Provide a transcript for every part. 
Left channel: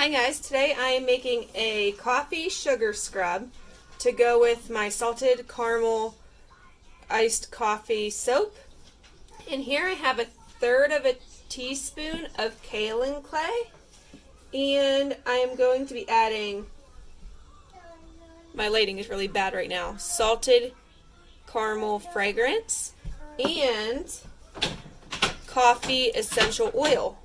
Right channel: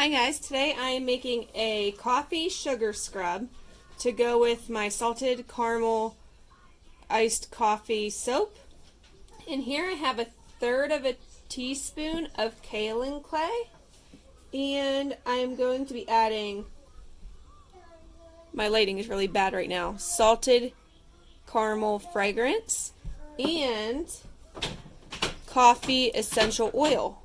Hi guys, today I am making a coffee sugar scrub to go with my salted caramel iced coffee soap. And here I have 1/3 of a teaspoon of kaolin clay, and I am going to be adding, my lighting is really bad right now, salted caramel fragrance and coffee essential oil.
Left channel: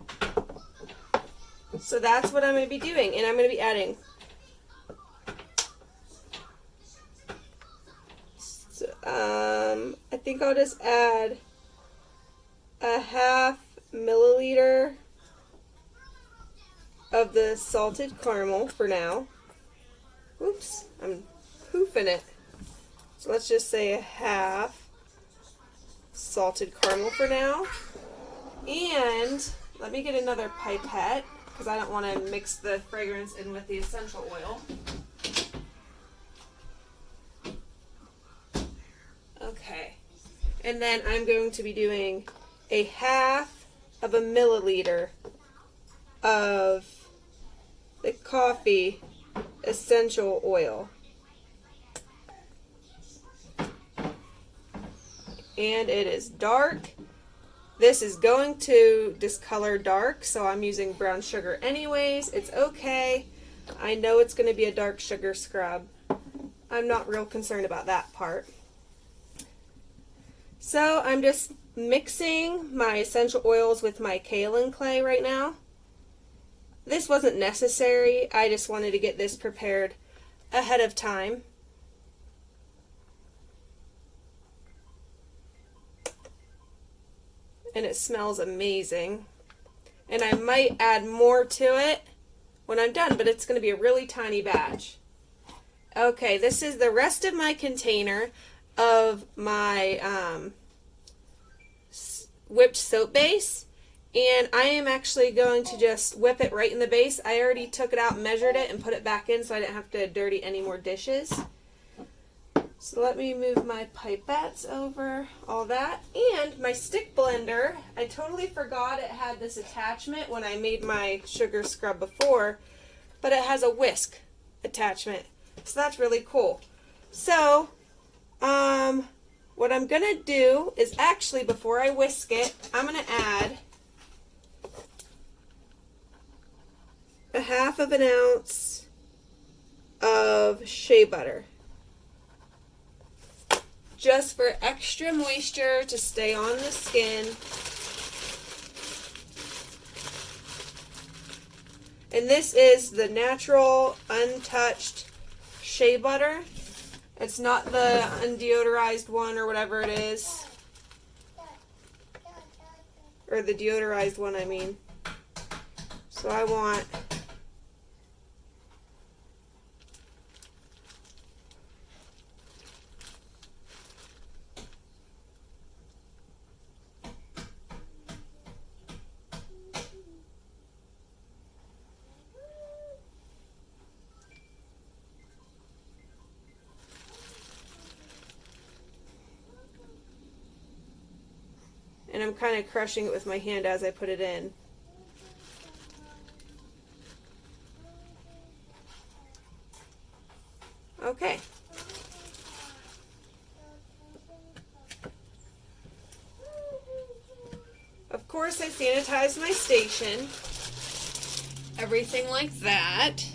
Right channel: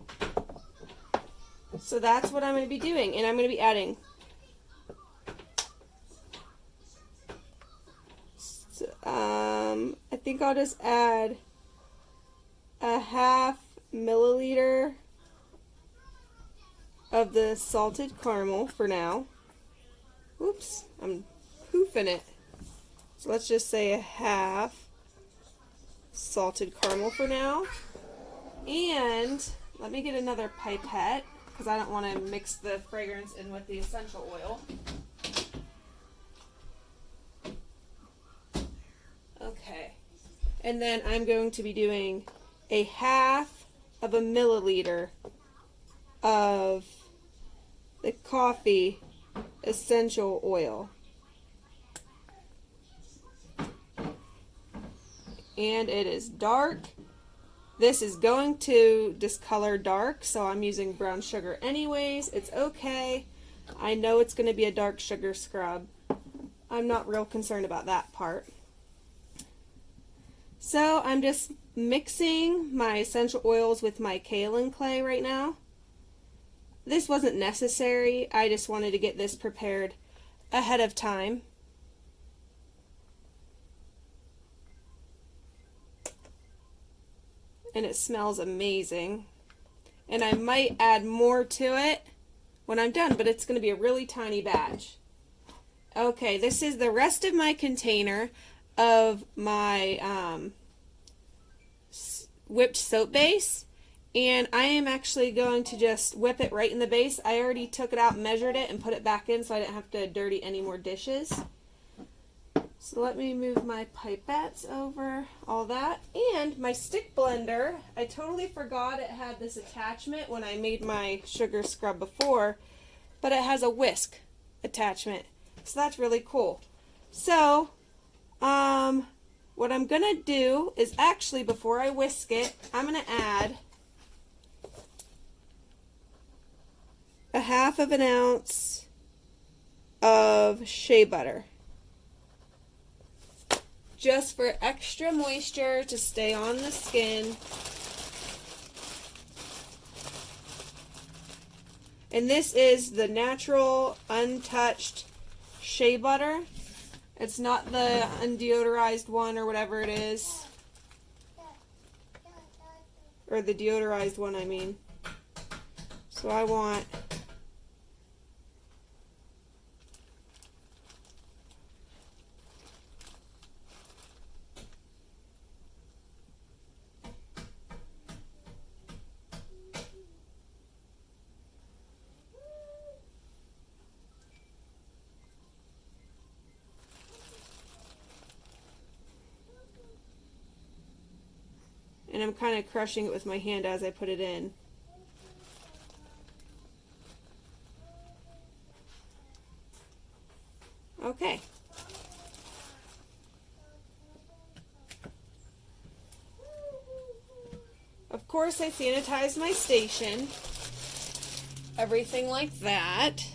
So that's what I'm going to be doing, and I'm going to be adding I think I'll just add a 1/2 milliliter of the salted caramel for now. Oops, I'm poofing it. So let's just say a 1/2 salted caramel for now. And let me get another pipette, because I don't want to mix the fragrance in with the essential oil. Okay. And then I'm going to be doing a 1/2 of a milliliter of the coffee essential oil. And it is dark. This is going to discolor dark, so I'm using brown sugar anyways. It's okay. I know it's going to be a dark sugar scrub. I'm not real concerned about that part. So I'm just mixing my essential oils with my kaolin clay right now. This wasn't necessary. I just wanted to get this prepared ahead of time. And it smells amazing. And I might add more to it when I'm done, but it's going to be a really tiny batch. Okay, this is the rest of my container of my whipped soap base, and I am actually going to just whip it right in the base. I already took it out, measured it, and put it back in so I didn't have to dirty any more dishes. So let me move my pipettes over, all that. And my stick blender, I totally forgot it had this attachment when I made my sugar scrub before, but it has a whisk attachment. So that's really cool. So, what I'm going to do is actually, before I whisk it, I'm going to add a 1/2 of an ounce of shea butter, just for extra moisture to stay on the skin. And this is the natural, untouched shea butter. It's not the undeodorized one or whatever it is. Or the deodorized one, I mean. So I want and I'm kind of crushing it with my hand as I put it in. Okay. Of course, I sanitized my station. Everything like that.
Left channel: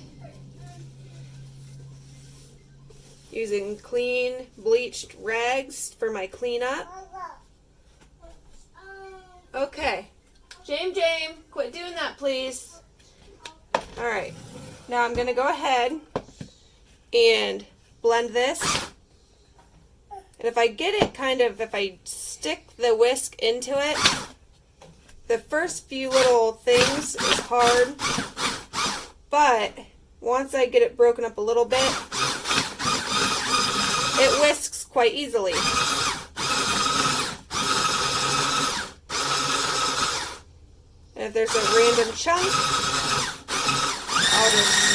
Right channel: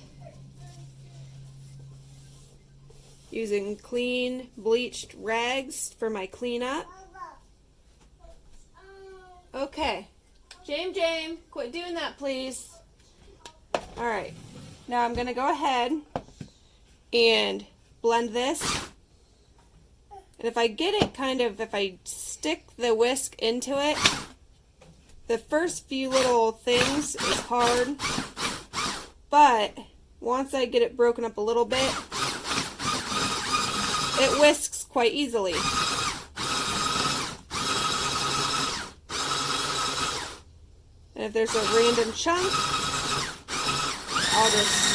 Using clean, bleached rags for my cleanup. Okay. James, quit doing that, please. Alright. Now I'm going to go ahead and blend this. And if I get it if I stick the whisk into it, the first few little things is hard. But once I get it broken up a little bit, it whisks quite easily. And if there's a random chunk, I'll just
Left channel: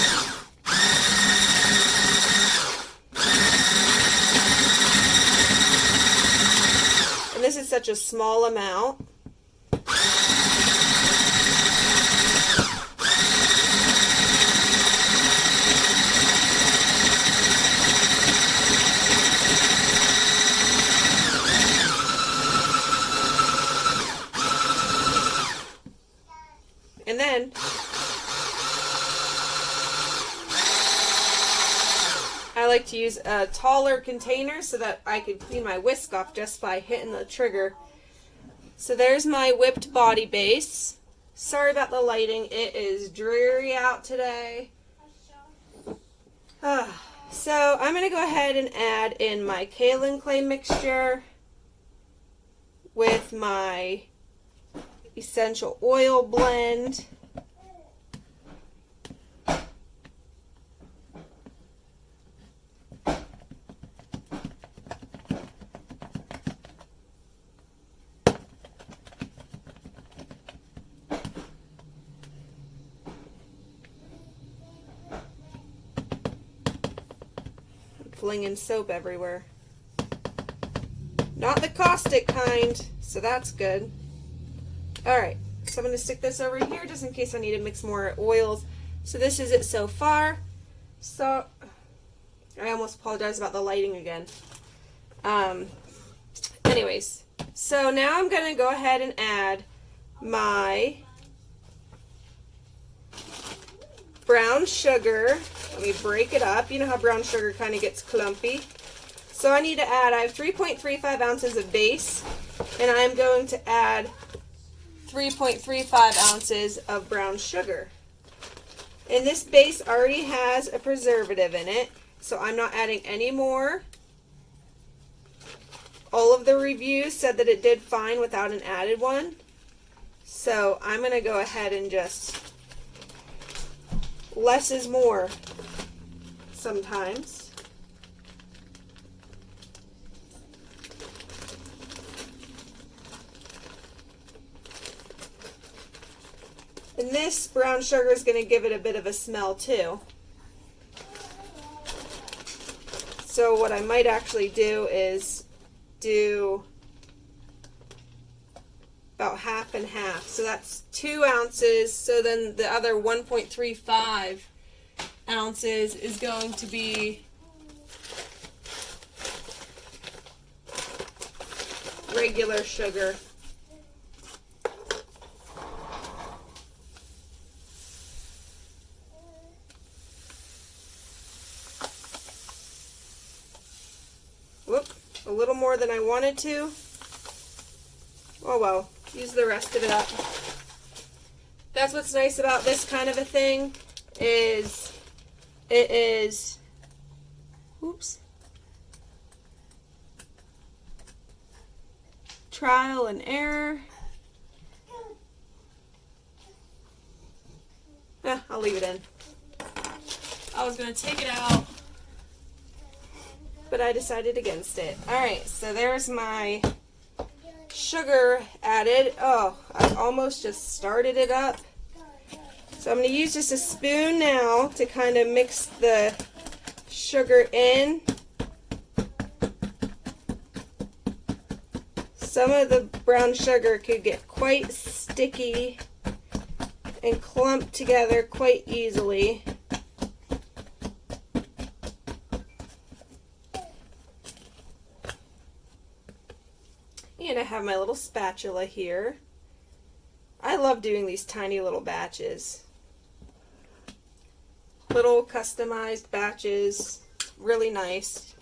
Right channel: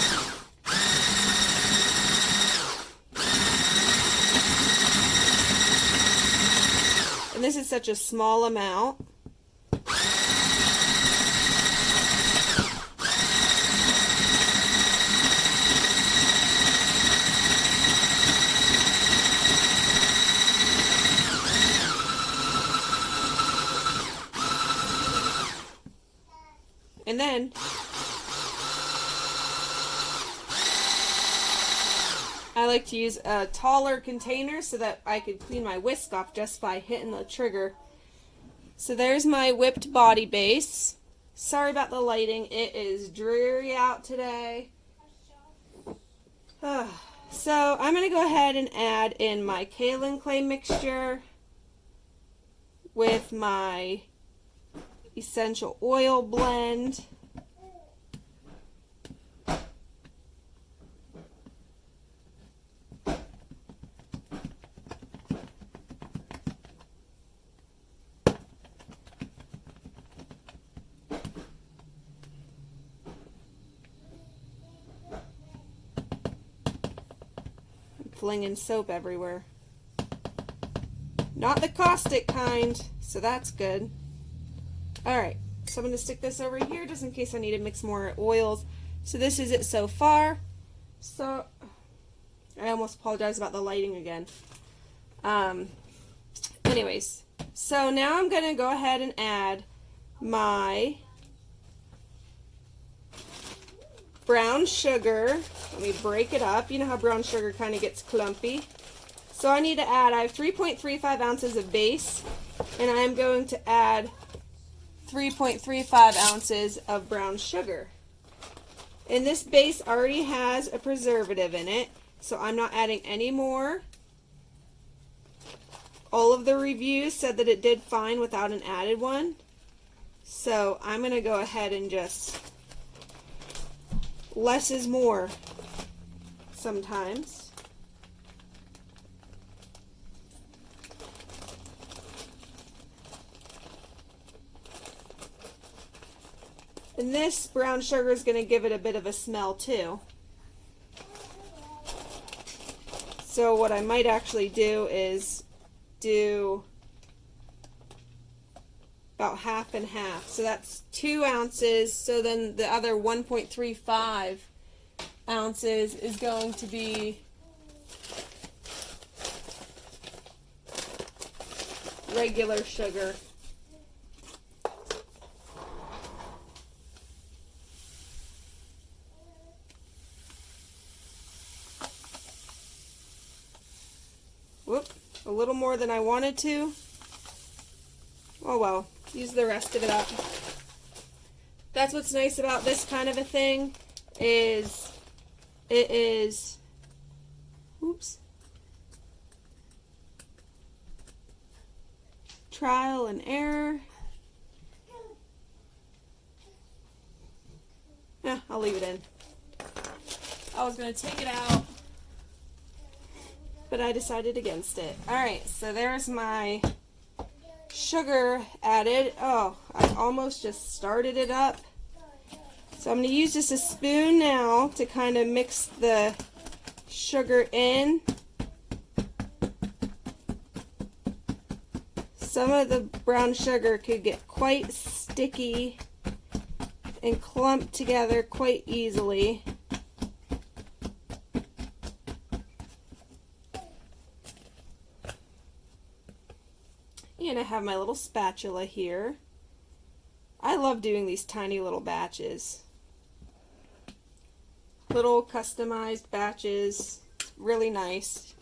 and this is such a small amount. I like to use a taller container so that I could clean my whisk off just by hitting the trigger. So there's my whipped body base. Sorry about the lighting. It is dreary out today. So I'm going to go ahead and add in my kaolin clay mixture with my essential oil blend. Flinging soap everywhere. Not the caustic kind, so that's good. Alright, so I'm going to stick this over here just in case I need to mix more oils. So this is it so far. So, I almost apologize about the lighting again. Anyways, so now I'm going to go ahead and add my brown sugar. Let me break it up. You know how brown sugar kind of gets clumpy. So I need to add, I have 3.35 ounces of base, and I'm going to add 3.35 ounces of brown sugar. And this base already has a preservative in it, so I'm not adding any more. All of the reviews said that it did fine without an added one. So I'm going to go ahead and just, less is more sometimes. And this brown sugar is going to give it a bit of a smell too. So what I might actually do is do about half and half. So that's 2 ounces. So then the other 1.35 ounces is going to be regular sugar. Whoop, a little more than I wanted to. Oh well, use the rest of it up. That's what's nice about this kind of a thing, is it is, oops, trial and error. Yeah, I'll leave it in. I was going to take it out, but I decided against it. Alright, so there's my sugar added. Oh, I almost just started it up. So I'm going to use just a spoon now to kind of mix the sugar in. Some of the brown sugar could get quite sticky and clump together quite easily. And I have my little spatula here. I love doing these tiny little batches. Little customized batches. Really nice.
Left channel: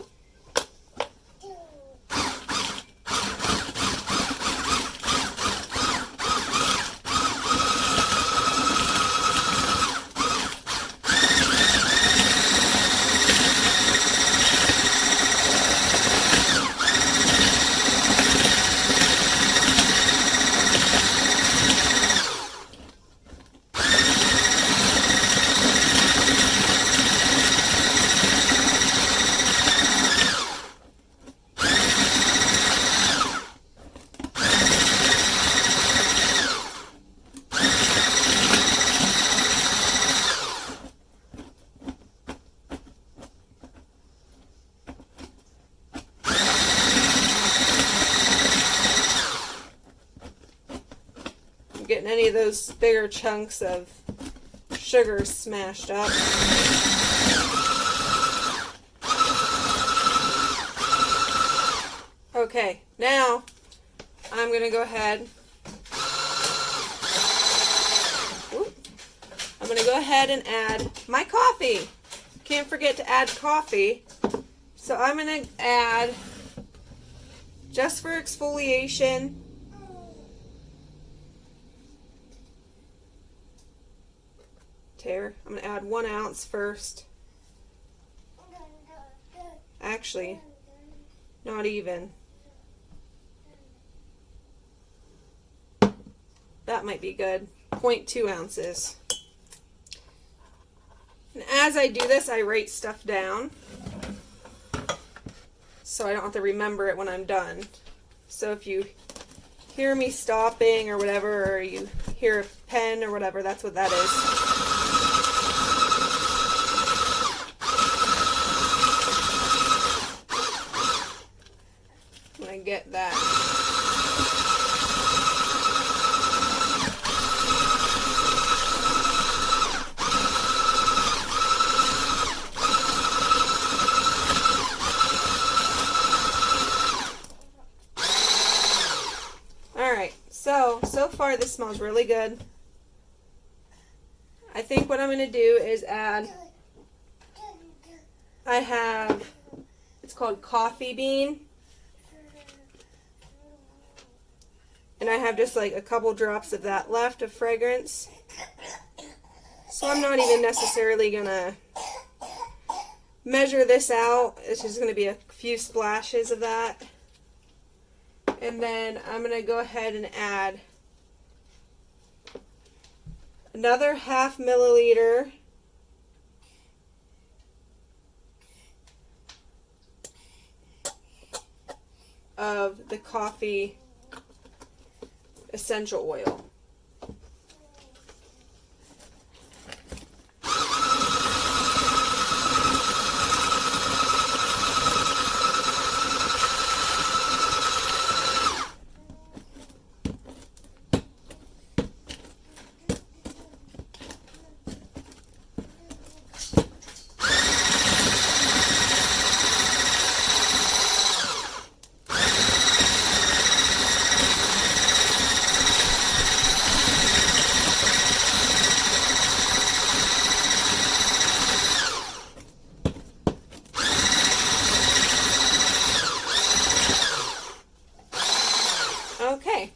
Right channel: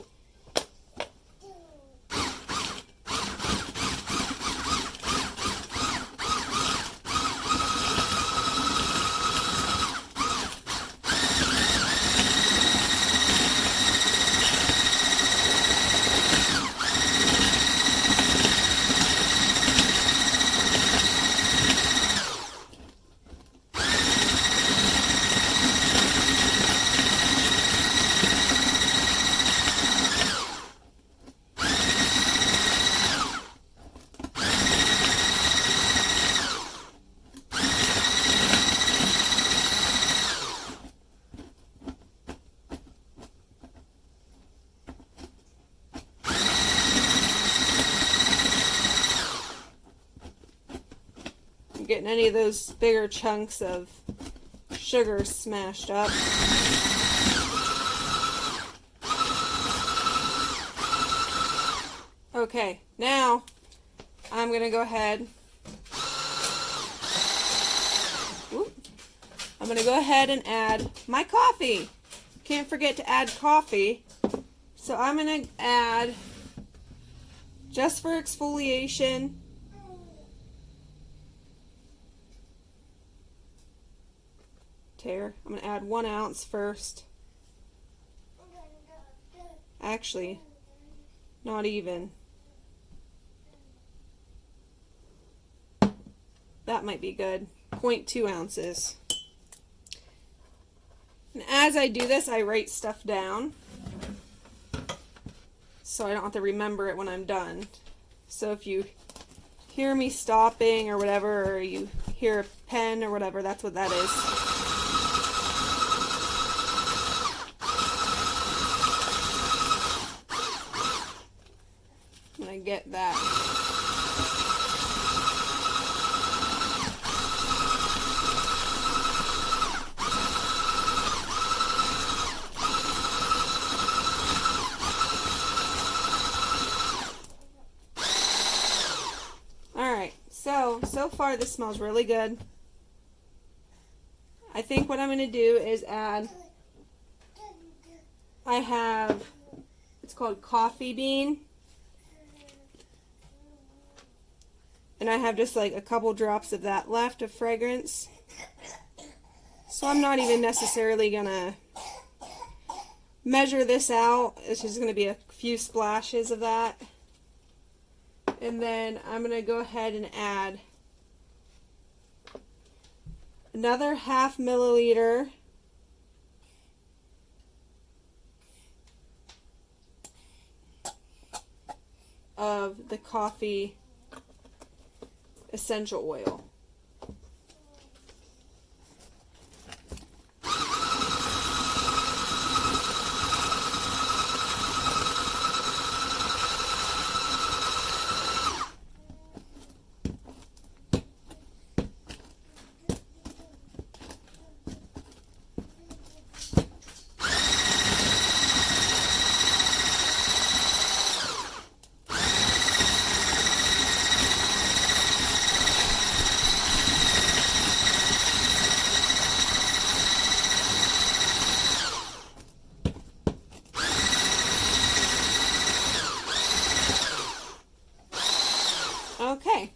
Getting any of those bigger chunks of sugar smashed up. Okay, now I'm going to go ahead. I'm going to go ahead and add my coffee. can't forget to add coffee. So I'm going to add, just for exfoliation, I'm going to add 1 ounce first. Actually, not even. That might be good. 0.2 ounces. And as I do this, I write stuff down so I don't have to remember it when I'm done. So if you hear me stopping or whatever, or you hear a pen or whatever, that's what that is. When I get that. Alright, so far this smells really good. I think what I'm going to do is add, I have, it's called coffee bean. And I have just like a couple drops of that left of fragrance. So I'm not even necessarily going to measure this out. It's just going to be a few splashes of that. And then I'm going to go ahead and add another 1/2 milliliter of the coffee essential oil. Okay,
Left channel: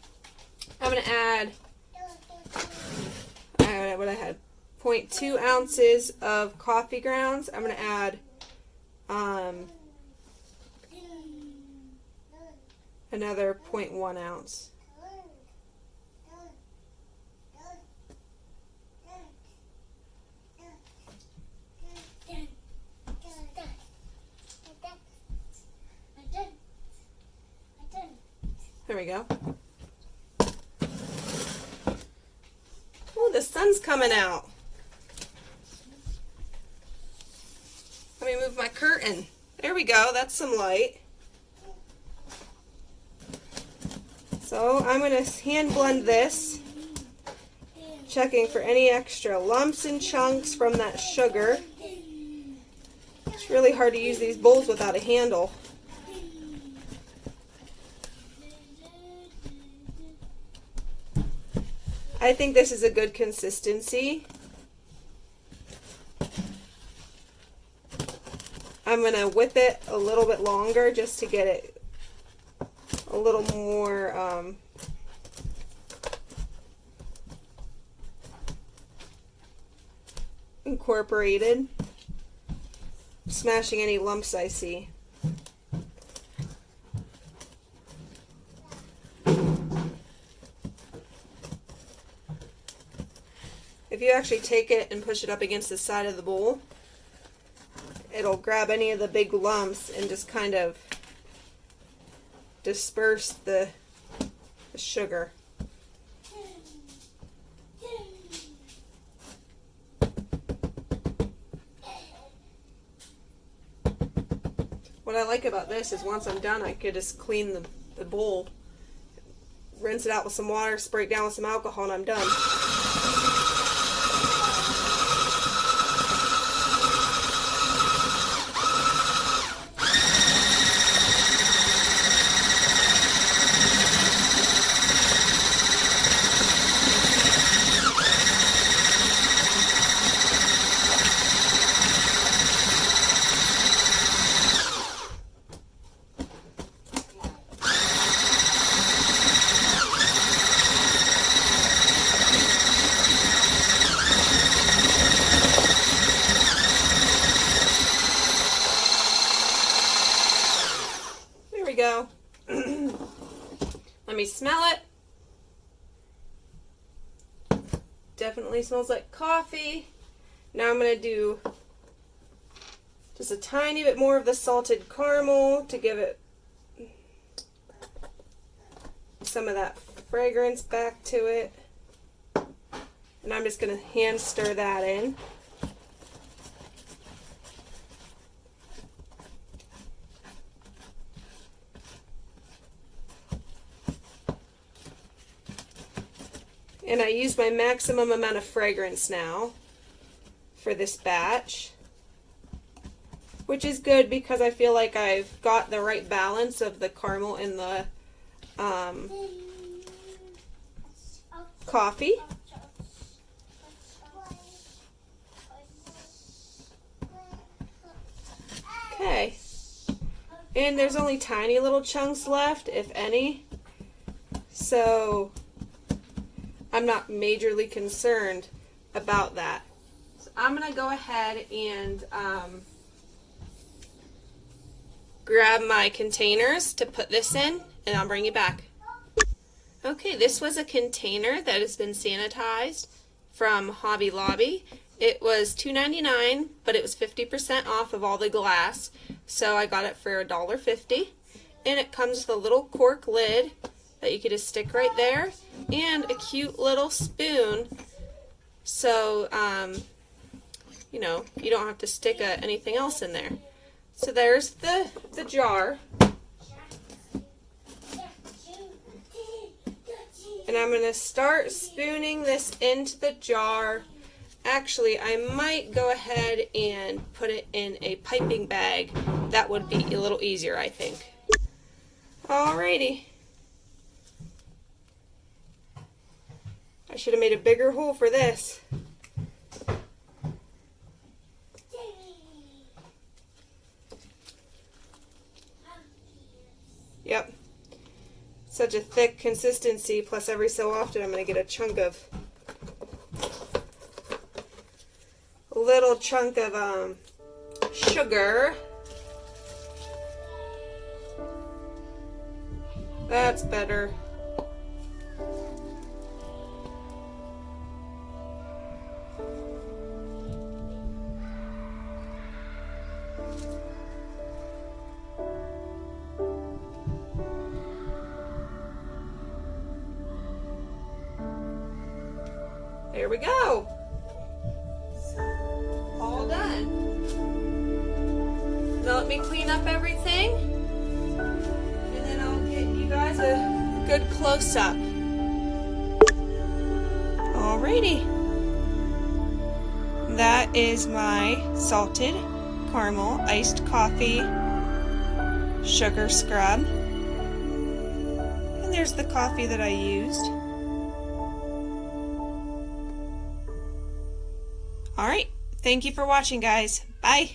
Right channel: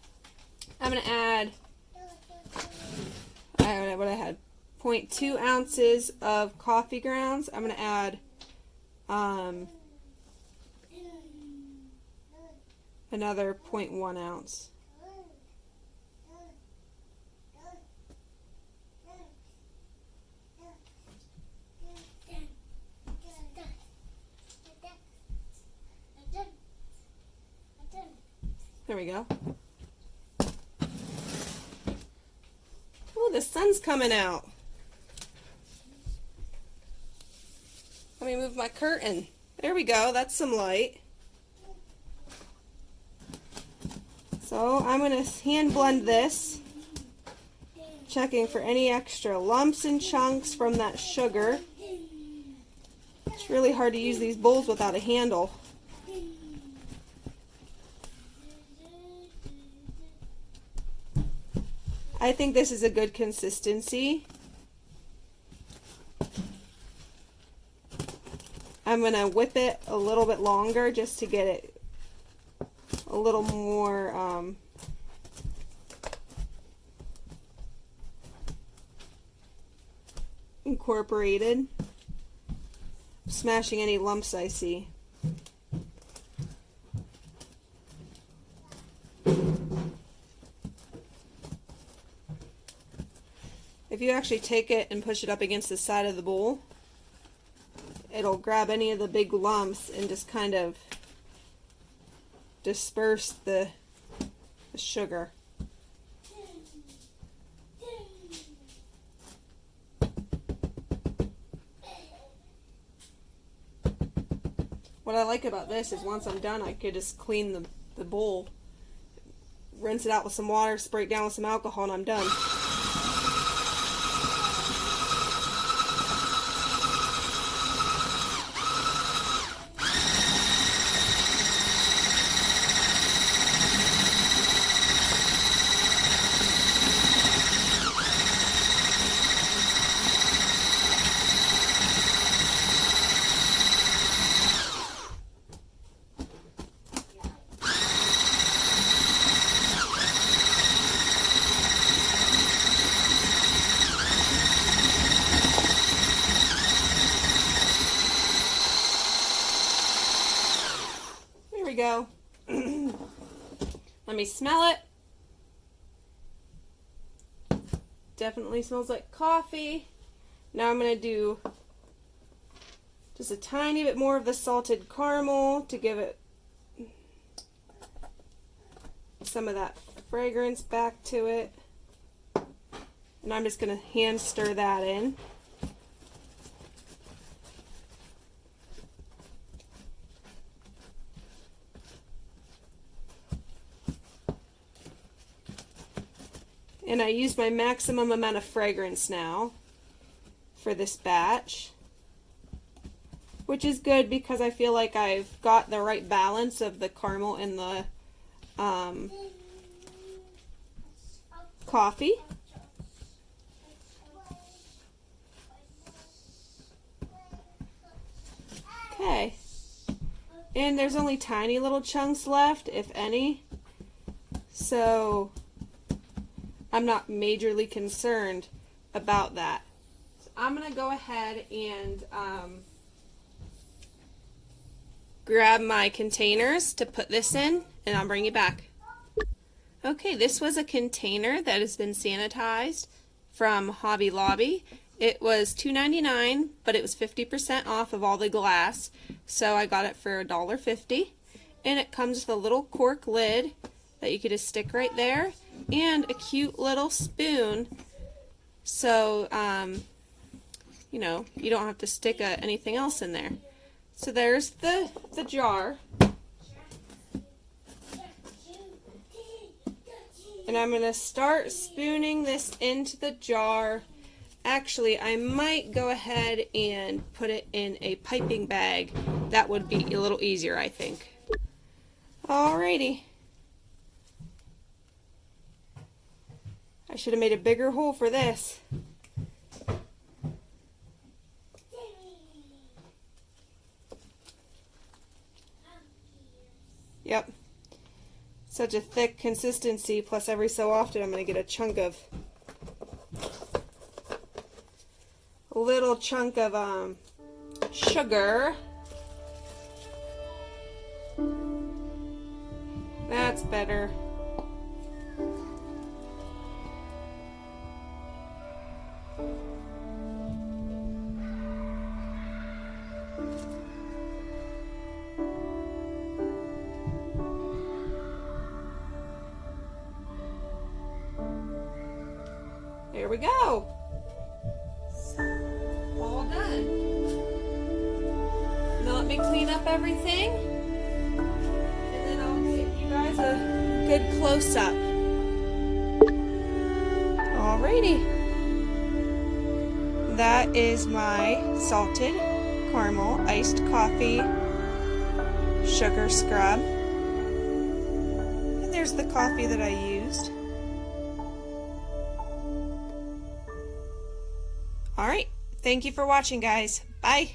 I'm going to add, what I had, 0.2 ounces of coffee grounds. I'm going to add another 0.1 ounce. There we go. Oh, the sun's coming out. Let me move my curtain. There we go. That's some light. So I'm going to hand blend this, checking for any extra lumps and chunks from that sugar. It's really hard to use these bowls without a handle. I think this is a good consistency. I'm going to whip it a little bit longer just to get it a little more incorporated, smashing any lumps I see. If you actually take it and push it up against the side of the bowl, it'll grab any of the big lumps and just kind of disperse the sugar. What I like about this is once I'm done, I could just clean the bowl, rinse it out with some water, spray it down with some alcohol, and I'm done. me smell it. Definitely smells like coffee. Now I'm going to do just a tiny bit more of the salted caramel to give it some of that fragrance back to it. And I'm just going to hand stir that in. And I use my maximum amount of fragrance now for this batch, which is good because I feel like I've got the right balance of the caramel and the coffee. Okay, and there's only tiny little chunks left, if any, so I'm not majorly concerned about that. So I'm going to go ahead and grab my containers to put this in, and I'll bring you back. Okay, this was a container that has been sanitized from Hobby Lobby. It was $2.99, but it was 50% off of all the glass, so I got it for $1.50. And it comes with a little cork lid that you could just stick right there, and a cute little spoon, so you know, you don't have to stick anything else in there. So there's the jar, and I'm going to start spooning this into the jar. Actually, I might go ahead and put it in a piping bag. That would be a little easier, I think. Alrighty. I should have made a bigger hole for this. Yep. Such a thick consistency, plus every so often I'm going to get a little chunk of sugar. That's better. There we go. All done. Now let me clean up everything, and then I'll get you guys a good close-up. Alrighty. That is my salted caramel iced coffee sugar scrub. And there's the coffee that I used. Alright, thank you for watching, guys. Bye.